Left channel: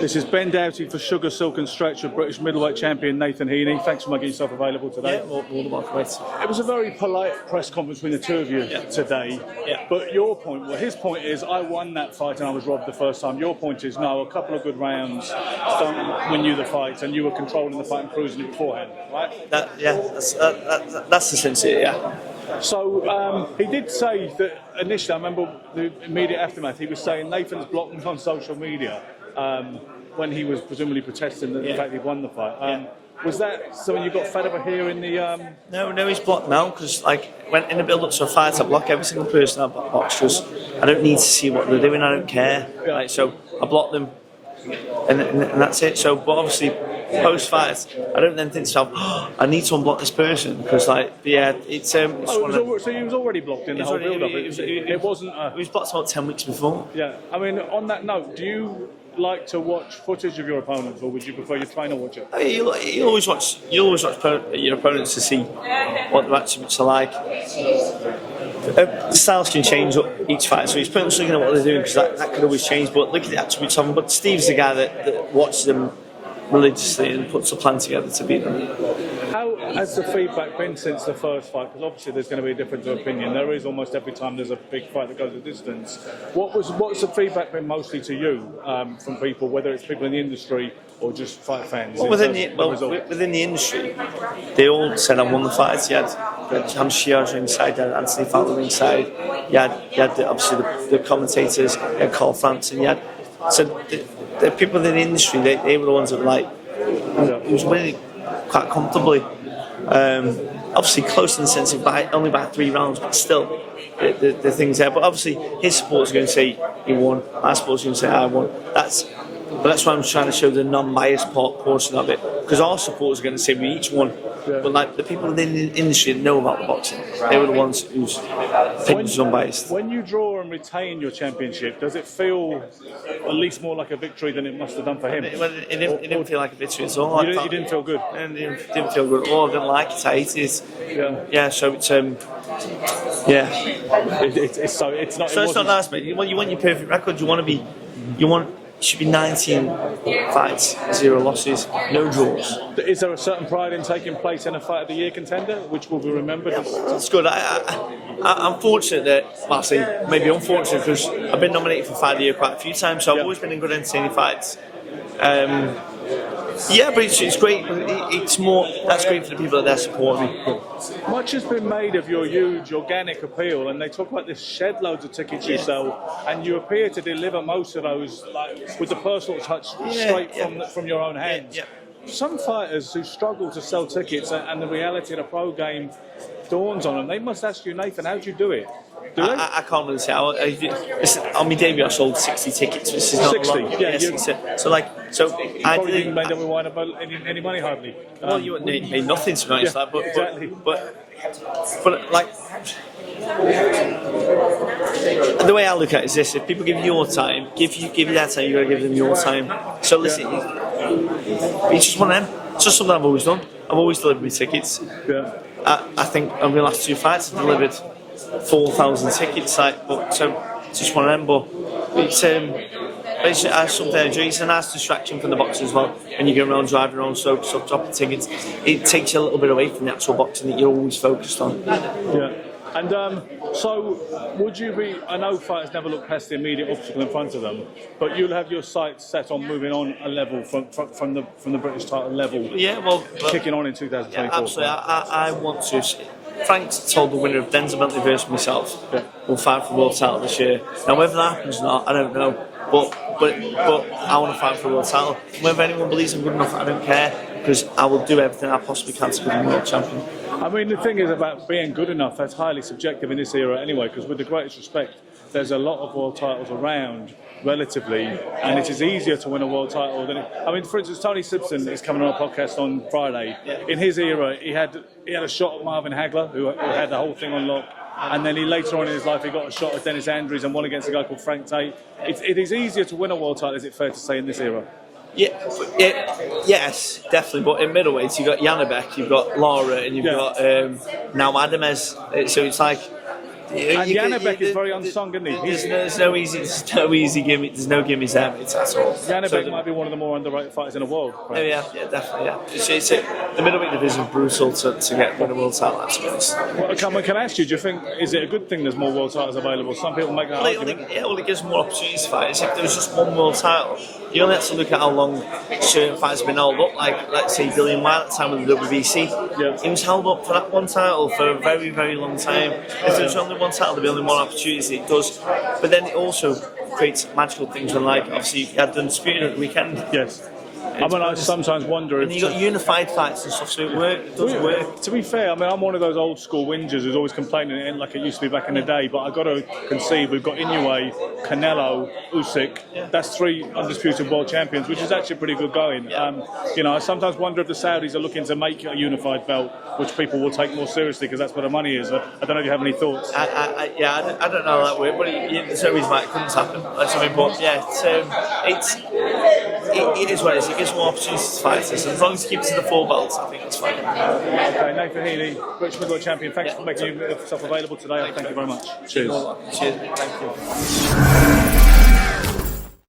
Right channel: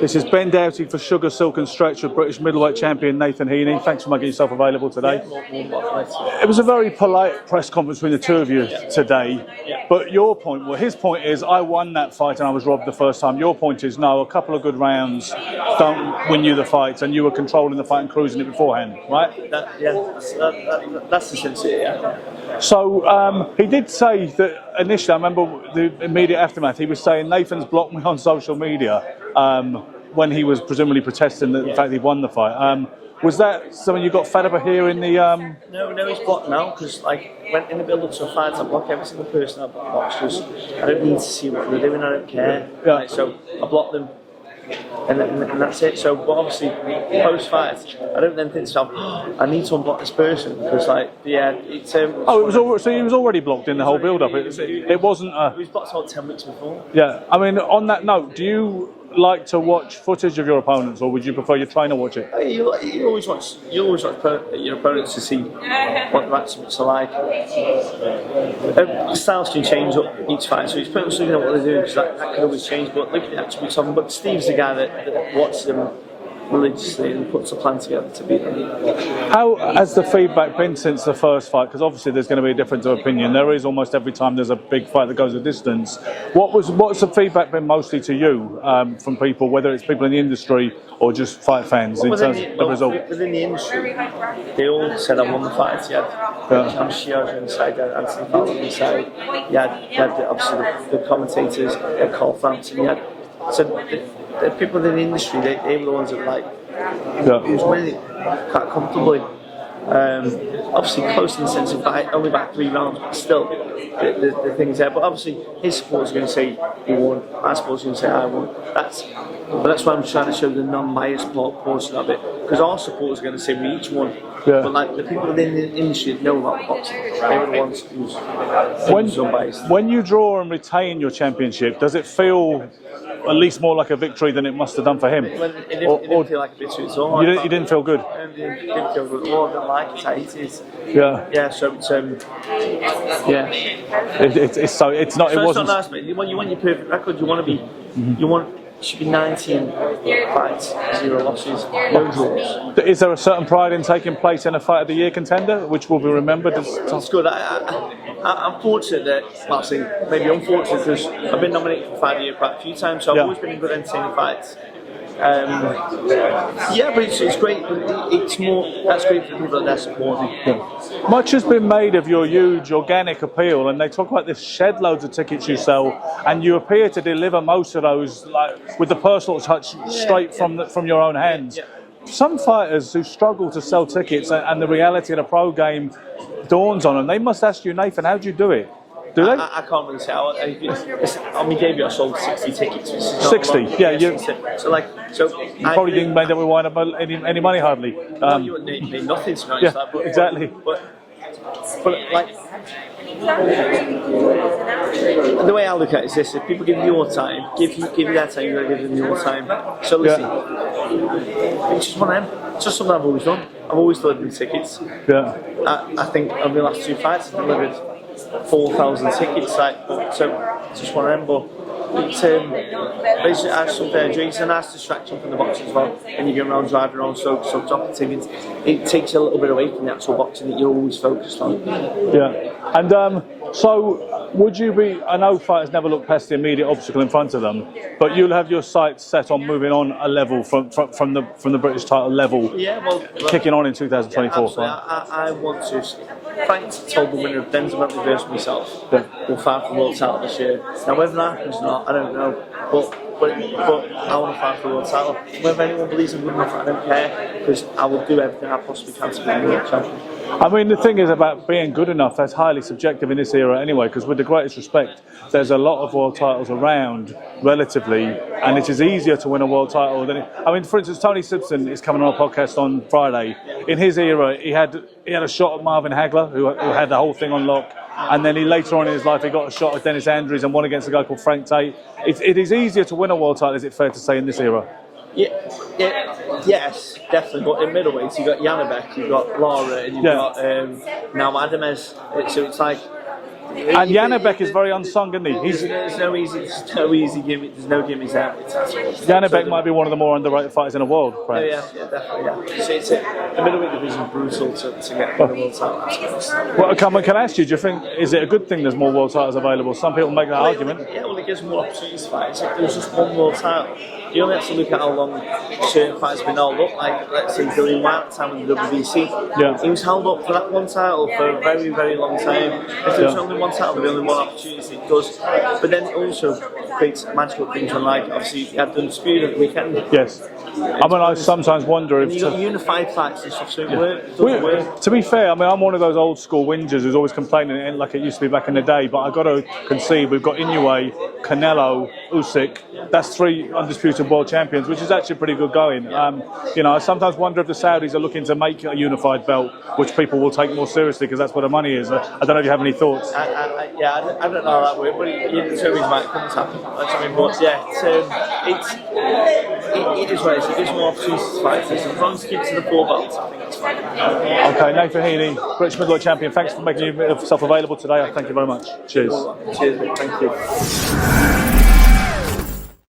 This is Ben Doughty for Sugar, Silk and Stretch with British middleweight champion Nathan Heaney. Thanks for making yourself available today. Yeah, it was a very polite press conference between the two of you today. Yeah. But your point, well, his point is, I won that fight and I was robbed the first time. Your point is, no, a couple of good rounds don't win you the fight, and you were controlling the fight and cruising it beforehand, right? that's the sense of it, yeah. So he did say that initially, I remember the immediate aftermath, he was saying Nathan's blocked me on social media when he was presumably protesting the fact he won the fight. Was that something you got fed up of hearing? No, he's blocked now, because when in the build-up to a fight, I block every single person I've boxed. Just I don't need to see what they're doing. I don't care. Yeah. So I block them, and that's it. So, but obviously, post-fight, I don't then think to myself, I need to unblock this person, because it's. So he was already blocked in the whole build-up. It wasn't. He was blocked about 10 weeks before. Yeah, I mean, on that note, do you like to watch footage of your opponents, or would you prefer your trainer watch it? You always watch your opponents to see what their attributes are like. The styles can change up each fight, so it's pretty much looking at what they're doing, because that could always change. But look at the attributes of them. But Steve's the guy that watches them religiously and puts a plan together to beat them. How has the feedback been since the first fight? Because obviously there's going to be a difference of opinion. There is almost every time there's a big fight that goes a distance. What's the feedback been mostly to you from people, whether it's people in the industry or just fight fans? Within the industry, they all said I won the fight. You had Cam Shears inside, Anthony Fowler inside. You had obviously the commentators, Cole Frampton. The people in the industry, they were the ones that were like, he was winning quite comfortably. Obviously close in the sense of only by 3 rounds, but still the things there. But obviously his supporters are going to say he won, my supporters are going to say I won. That's why I'm trying to show the non-biased portion of it, because our supporters are going to say we each won. Yeah. But the people within the industry that know about boxing, they were the ones whose things were unbiased. When you draw and retain your championship, does it feel at least more like a victory than it must have done for him? It didn't feel like a victory at all. You didn't feel good? It didn't feel good at all. I didn't like it. I hated it. Yeah. So it's It's not nice, mate. You want your perfect record. You want to be. It should be 19 fights, 0 losses, no draws. Is there a certain pride in taking place in a Fight of the Year contender, which will be remembered? That's good. I'm fortunate that, well, I say maybe unfortunate, because I've been nominated for Fight of the Year quite a few times, so I've always been in good entertaining fights. But it's great. That's great for the people that support me. Much has been made of your huge organic appeal, and they talk about this shed loads of tickets you sell, and you appear to deliver most of those with the personal touch straight from your own hands. Some fighters who struggle to sell tickets and the reality of the pro game dawns on them, they must ask you, Nathan, how do you do it? I can't really say. On my debut, I sold 60 tickets. Which is not 60, you probably didn't make them wind up any money hardly. You made nothing to be honest. Exactly. But the way I look at it is this: if people give you your time, give you their time, you got to give them your time. So listen, it's just one of them. It's just something I've always done. I've always delivered my tickets. Yeah. I think on my last 2 fights, I delivered 4,000 tickets, but it's just one of them. But it's something I enjoy. It's a nice distraction from the boxing as well. When you go around driving around, so dropping tickets, it takes you a little bit away from the actual boxing that you're always focused on. Yeah, and so would you be? I know fighters never look past the immediate obstacle in front of them, but you'll have your sights set on moving on a level from the British title level. Yeah, kicking on in 2024. Yeah, absolutely. I want to. Frank's told the winner of Denzel Bentley versus myself will fight for the world title this year. Now whether that happens or not, I don't know. But I want to fight for the world title. Whether anyone believes I'm good enough, I don't care, because I will do everything I possibly can to become a world champion. I mean, the thing is about being good enough, that's highly subjective in this era anyway, because with the greatest respect, there's a lot of world titles around, relatively, and it is easier to win a world title than for instance, Tony Simpson is coming on a podcast on Friday. In his era, he had a shot at Marvin Hagler, who had the whole thing on lock, and then later on in his life, he got a shot at Dennis Andrews and won against a guy called Frank Tate. It is easier to win a world title, is it fair to say, in this era? Yes, definitely. But in middleweight, you've got Janabek, you've got Laura, and you've got now Adamez. So it's like And Janibek is very unsung, isn't he? There's no easy gimmick. There's no gimmicks there. It's at all. Janibek might be one of the more underrated fighters in the world. Oh, yeah, definitely. Yeah. It's the middleweight division is brutal to get one world title. Well, can I ask you? Do you think is it a good thing there's more world titles available? Some people make that argument. It gives more opportunities to fight. If there was just one world title, you only have to look at how long certain fighters have been held up. Like, let's say Dillian White at the time with the WBC. Yeah. He was held up for that one title for a very, very long time. If there was only one title, there'd be only one opportunity. It does. But then it also creates magical things when, like, obviously, you had the Undisputed at the weekend. Yes. I sometimes wonder if you got unified fights and stuff, so it doesn't work. To be fair, I'm one of those old school whingers who's always complaining like it used to be back in the day, but I've got to concede we've got Inoue, Canelo, Usyk. That's 3 undisputed world champions, which is actually pretty good going. I sometimes wonder if the Saudis are looking to make a unified belt, which people will take more seriously because that's where the money is. I don't know if you have any thoughts. I don't know how that works, but there's no reason why it couldn't happen. But yeah, it is what it is. It gives more opportunities to fight. So as long as it keeps it to the 4 belts, I think it's fine. Okay, Nathan Heaney, British middleweight champion. Thanks for making yourself available today. Thank you very much. Cheers. Cheers, thank you.